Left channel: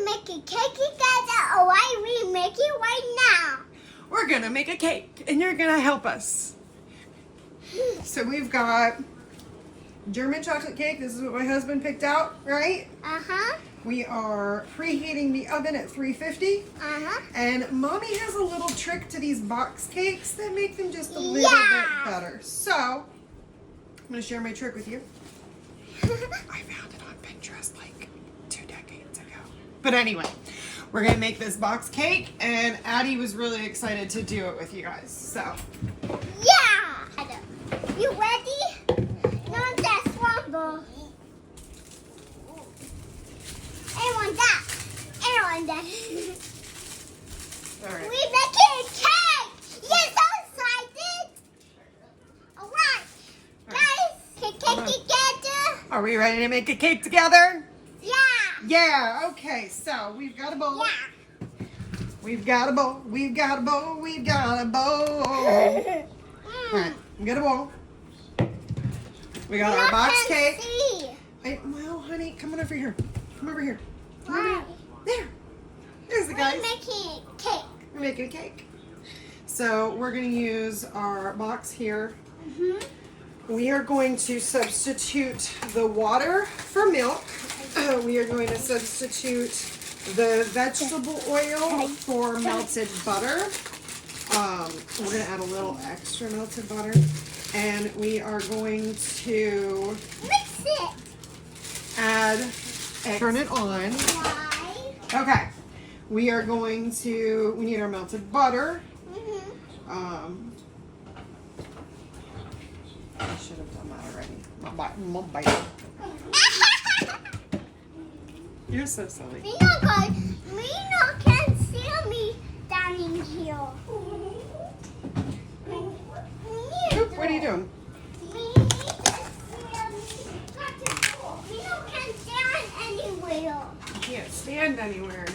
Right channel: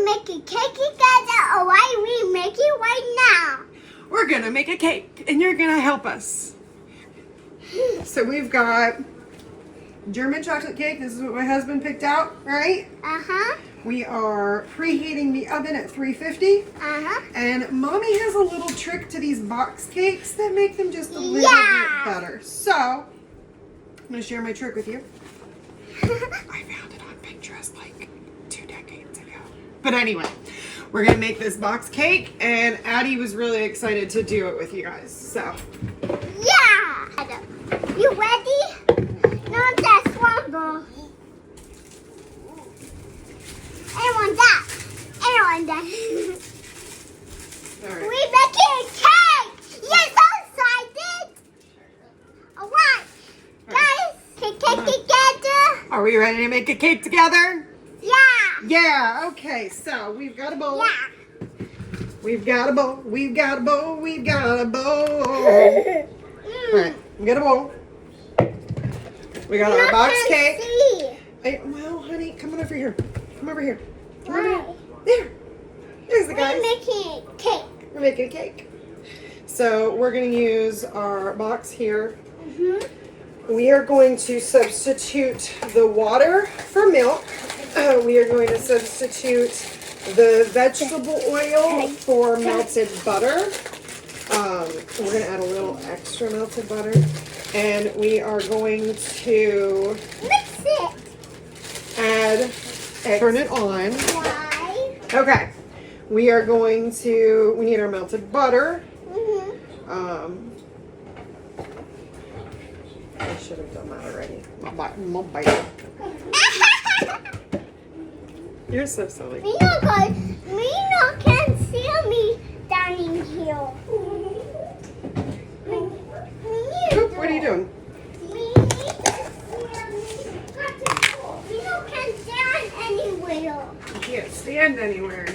to make a cake together, or why we make it right now? We're gonna make a cake, and you're gonna help us. So we've got German chocolate cake. This is what my husband picked out, right? Uh-huh. We are preheating the oven at 350. Uh-huh. And Mommy has a little trick to these box cakes that make them just a little bit better. So, I'm gonna share my trick with you. I found it on Pinterest like 2 decades ago. But anyway, we're gonna make this box cake, and Addie was really excited to do it with you guys. So, Yeah! You ready? Not that crumble. I want that. I want that. all right. We making a cake! Yes, I'm excited! Alright, guys, can cake together? Are we ready to make a cake together? Yeah! Yeah, okay, so we've got a bowl. Yeah! We've got a bowl. We've got a bowl. We've got a bowl. All right, we got a bowl. We got our box cake. Hey, well, honey, come on over here. Come over here. Come over here. There. There's the guys. We're making a cake. We're making a cake. So we're going to use our box here. We are going to substitute the water for milk. We are going to substitute the vegetable oil for melted butter. We're going to add a little extra melted butter. And we are going to Mix it. add, turn it on. Why? Okay. We are going to, we need our melted butter. I should have done that already. I'll bite it. You're so silly. Mina can't see me down in here. Oop, what are you doing? Mina can't stand anywhere. You can't stand anywhere.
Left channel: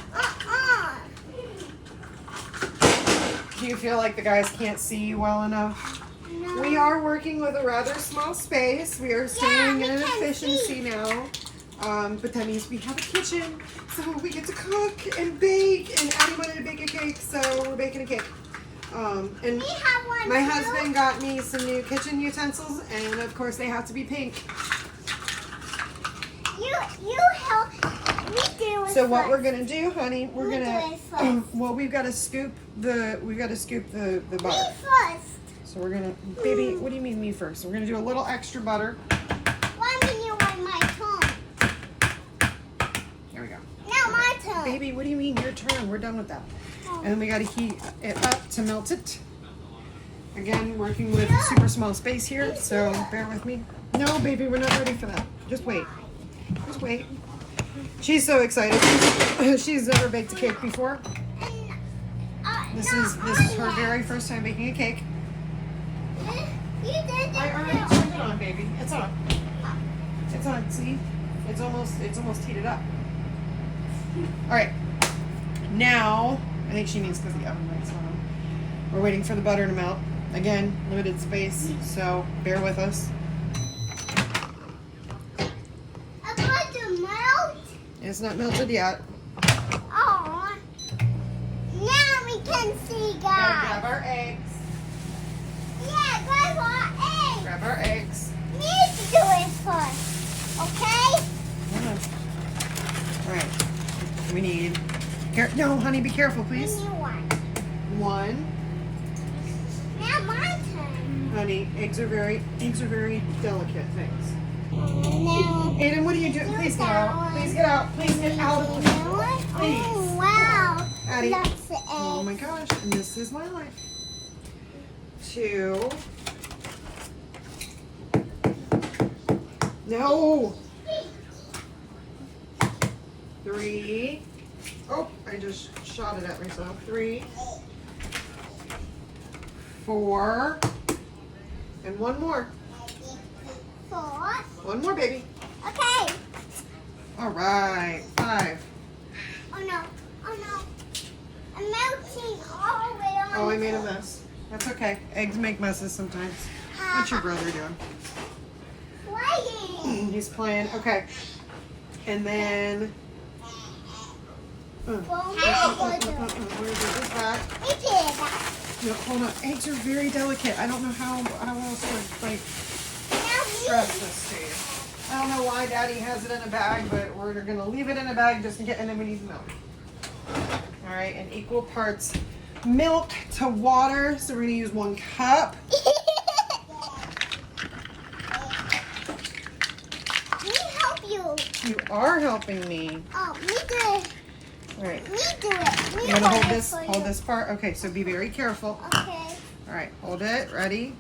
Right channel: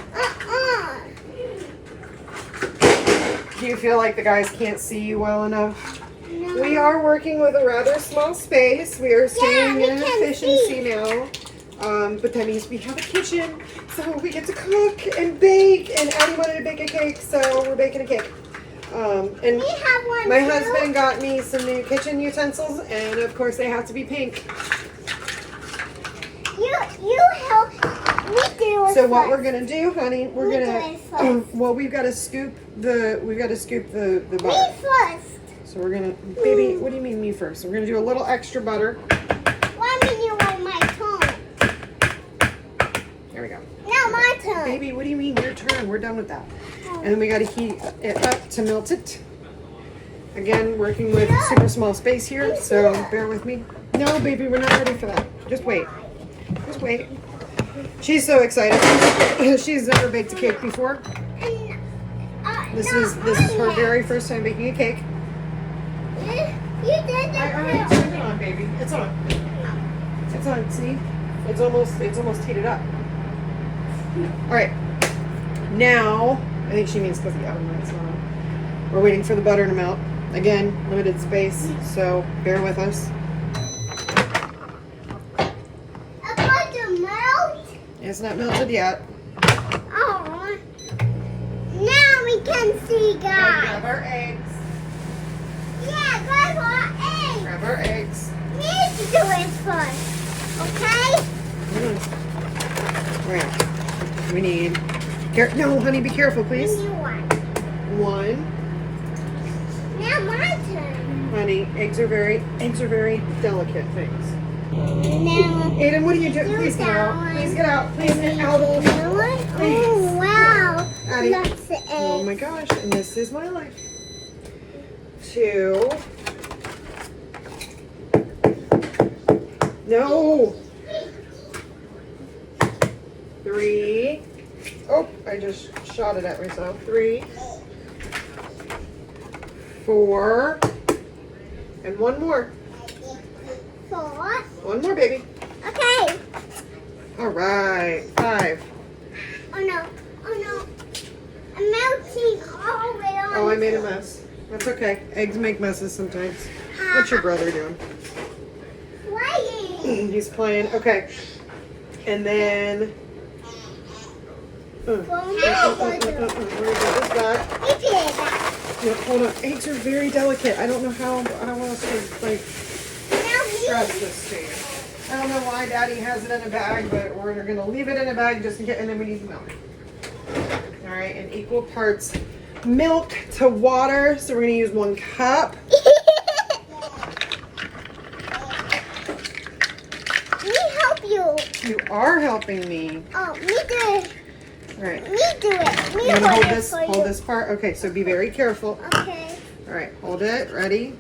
Do you feel like the guys can't see you well enough? No. We are working with a rather small space. We are staying we in can efficiency now. But that means we have a kitchen, so we get to cook and bake. And Addie wanted to bake a cake, so we're baking a cake. And We have one my too. husband got me some new kitchen utensils, and of course they have to be pink. You help me do it. So what first. we're gonna do, honey, we're We gonna do it first. well, we've got to scoop the Me butter. first. So we're gonna, baby, what do you mean me first? We're gonna do a little extra butter. Why mean you want my turn? There we go. Now my turn. Baby, what do you mean your turn? We're done with that. And then we got to heat it up to melt it. Again, working with super small space here, so bear with me. No, baby, we're not ready for that. Just wait. Just wait. She's so excited. She's never baked a cake before. This is her very first time baking a cake. You did I already it. turned it on, baby. It's on. It's on. See? It's almost heated up. All right. Now, I think she means because the oven lights are on. We're waiting for the butter to melt. Again, limited space, so bear with us. About to melt. It's not melted yet. Oh. Now we can see Grab guys. our eggs. Yeah, grab our eggs. Grab our eggs. We need to do it first. Okay? All right. We need. No, honey, be careful, We please. need one. One. Now my turn. Honey, eggs are very delicate things. Now. Aiden, what are you doing? Please get out. Please get out. Please get out. Oh, wow. Addie. That's the egg. Oh my gosh, and this is my life. 2. No. 3. Oh, I just shot it at myself. 3. 4. And one more. 4. One more, baby. Okay. All right. 5. Oh no. Oh no. I'm melting all the way on. Oh, I made a mess. That's okay. Eggs make messes sometimes. What's your brother doing? Playing. He's playing. Okay. And then Where is that? No, hold on. Eggs are very delicate. I don't know how else to like stress this to you. I don't know why Daddy has it in a bag, but we're gonna leave it in a bag just in case, and then we need milk. All right, and equal parts milk to water. So we're gonna use 1 cup. Me help you. You are helping me. Oh, me do it. All right. Me do it. Me You're gonna hold hold it this. for Hold you. this part. Okay, so be very careful. Okay. All right, hold it. Ready?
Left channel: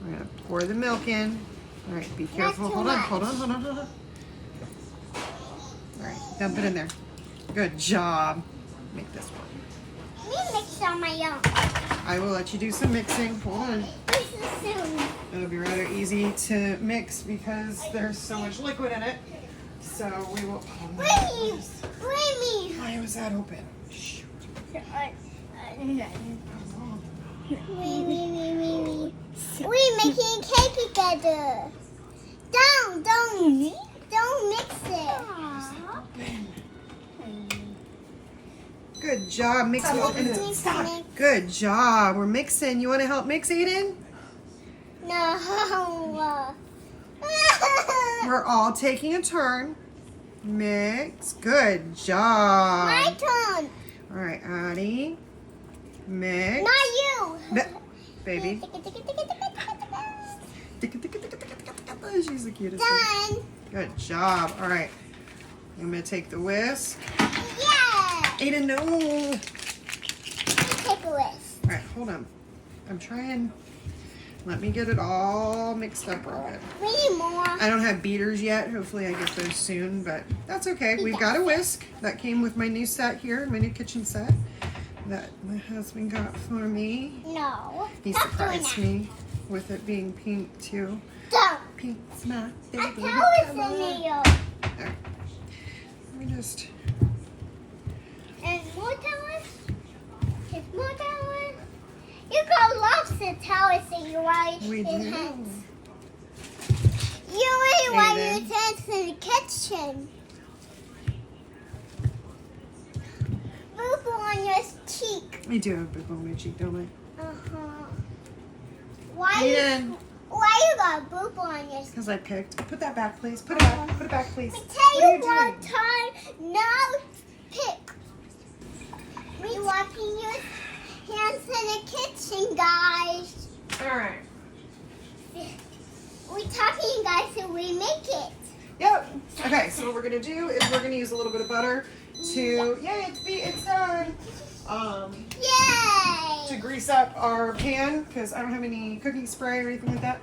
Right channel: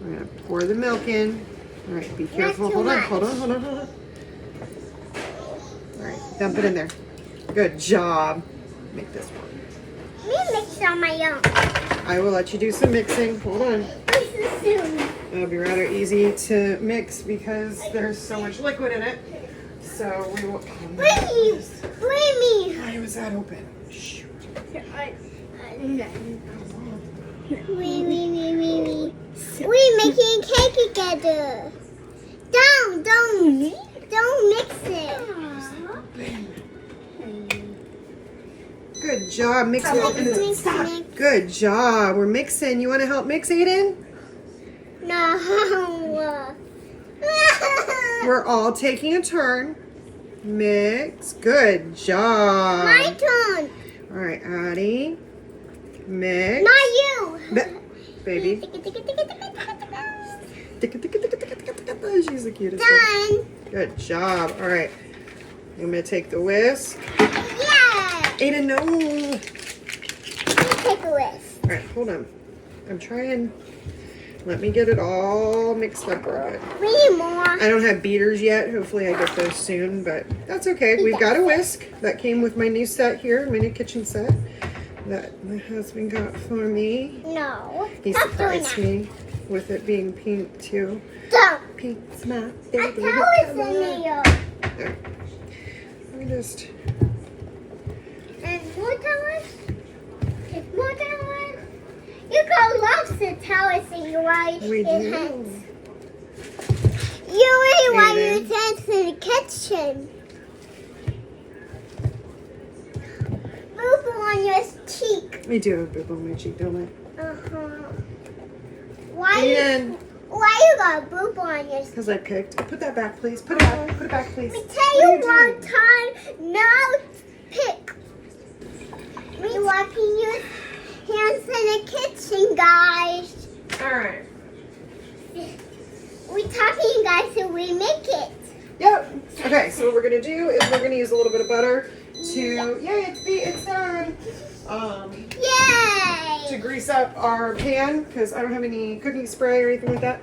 We're gonna pour the milk in. All right, be careful. too Hold on, much. hold on, hold on, hold on. All right, dump it in there. Good job. Make this one. Me mix on my own. I will let you do some mixing. Hold on. This is soon. It'll be rather easy to mix because there's so much liquid in it. So we will. Bring me. Why was that open? Shoot. We making cake together. Don't mix it. Good job mixing. Mix. Good job. We're mixing. You want to help mix, Aiden? No. We're all taking a turn. Mix. Good job. My turn. All right, Addie. Mix. Not you. Baby. She's the cutest. Done. Good job. All right. I'm going to take the whisk. Yeah. Aiden, no. Let me take a whisk. All right, hold on. I'm trying. Let me get it all mixed up real good. We need more. I don't have beaters yet. Hopefully I get those soon, but that's okay. We've got a whisk that came with my new set here, my new kitchen set that my husband got for me. No. He Stop doing surprised that. me with it being pink too. Don't. Pink's my I baby. tell it's in here. There. Let me just. And more towers? There's more towers? You got lots of towers in your right We hand. do. You really want Aiden. to dance in the kitchen. Move on your cheek. We do have a boob on my cheek, don't we? Uh-huh. Why Aiden. you got a boob on your cheek? Because I picked. Put that back, please. Put it back. Put it back, please. We tell What you are you one doing? time, now pick. We washing your hands in the kitchen, guys. All right. We talking, guys, so we make it. Yep. Okay, so what we're gonna do is we're gonna use a little bit of butter to it's done. Yay! To grease up our pan because I don't have any cooking spray or anything like that.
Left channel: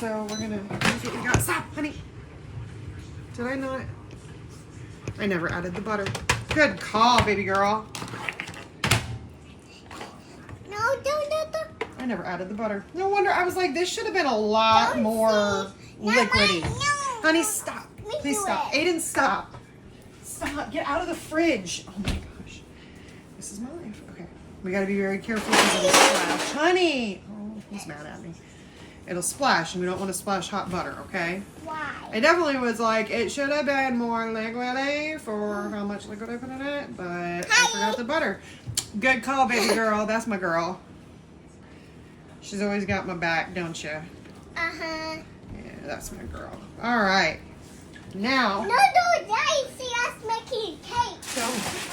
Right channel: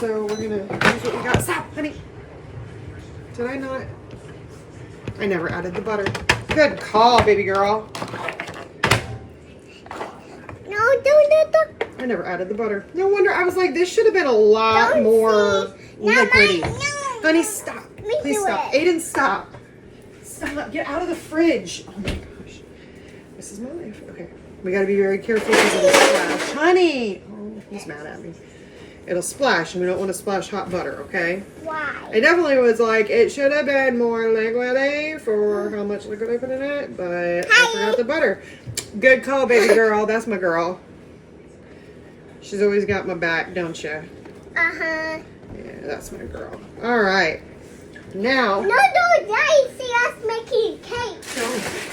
So we're gonna use what we got. Stop, honey. Did I not? I never added the butter. Good call, baby girl. No, don't. I never added the butter. No wonder. I was like, this should have been a lot Don't more No, liquidy. no. Honey, stop. Me Please do stop. it. Aiden, stop. Stop. Get out of the fridge. Oh my gosh. This is my life. Okay. We got to be very careful because it'll splash. Honey. Oh, he's mad at me. It'll splash, and we don't want to splash hot butter, okay? Why? I definitely was like, it should have been more liquidy for how much liquid I put in it, but I forgot the butter. Good call, baby girl. That's my girl. She's always got my back, don't you? Uh-huh. Yeah, that's my girl. All right. Now. No, Daddy, see us making cake.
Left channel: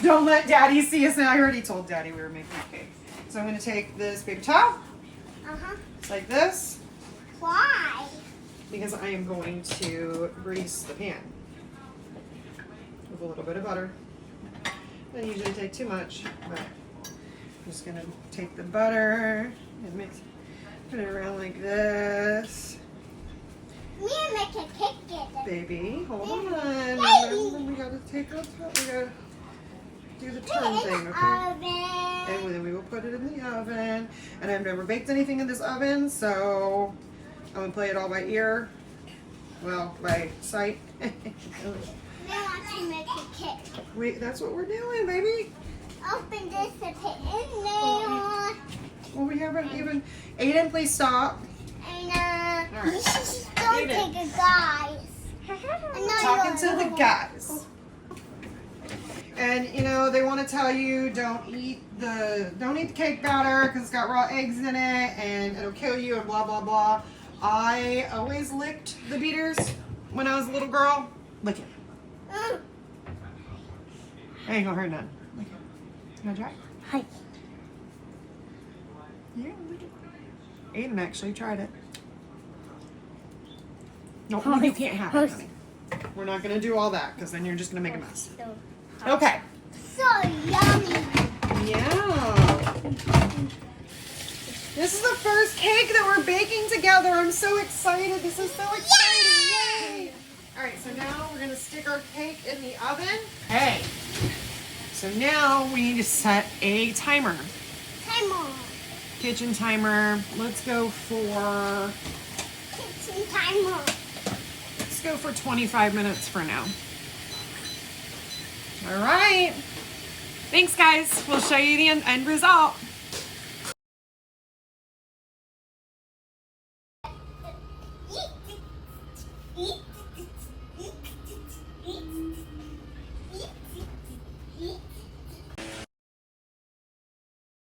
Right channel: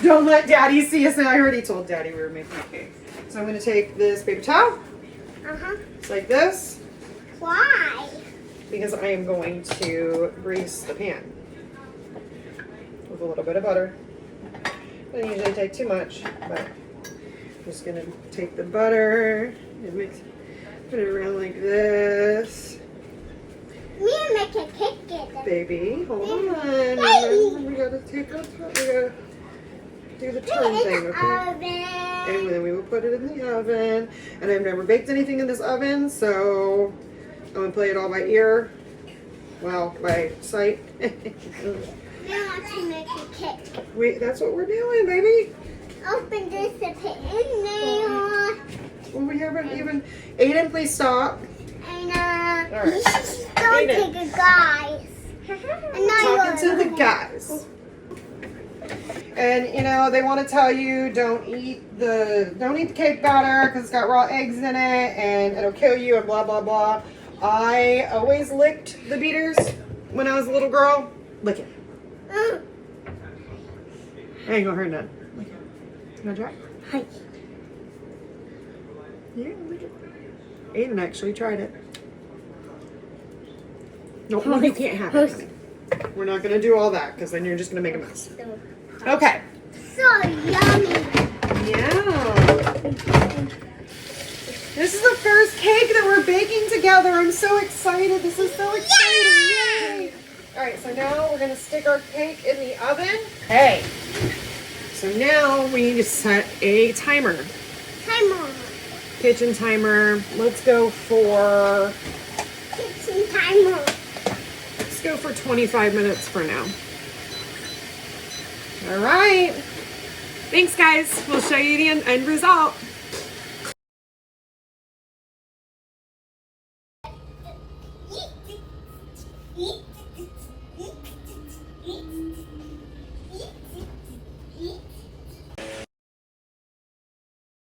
Don't let Daddy see us. I already told Daddy we were making cake. So I'm going to take this paper towel. Uh-huh. It's like this. Why? Because I am going to grease the pan with a little bit of butter. I don't usually take too much, but I'm just going to take the butter and put it around like this. Me make a cake together. Baby, hold on. Daddy. We gotta take our time. We gotta do the Put turn it in thing, the okay? oven. And then we will put it in the oven. And I've never baked anything in this oven, so I'm gonna play it all by ear. Well, by sight. We want to make a cake. That's what we're doing, baby. Open this and put in there. Well, we haven't even. Aiden, please stop. And All right. don't Aiden. take a guys. And not Talking yours. to the guys. And you know, they want to tell you don't eat the cake batter because it's got raw eggs in it and it'll kill you and blah blah blah. I always licked the beaters when I was a little girl. Lick it. Ain't gonna hurt none. Lick it. You wanna try? Hi. Yeah, lick it. Aiden actually tried it. No, you can't have it, honey. We're not gonna do all that because then you're just gonna make a mess. Okay. So yummy. Yeah. This is the first cake that we're baking together. I'm so excited. This is so exciting. Yay. All right, so now we're gonna stick our cake in the oven. Okay. So now we need to set a timer. Timer. Kitchen timer. Let's go for Kitchen timer. Let's go for 25 minutes for now. All right. Thanks, guys. We'll show you the end result. Eat.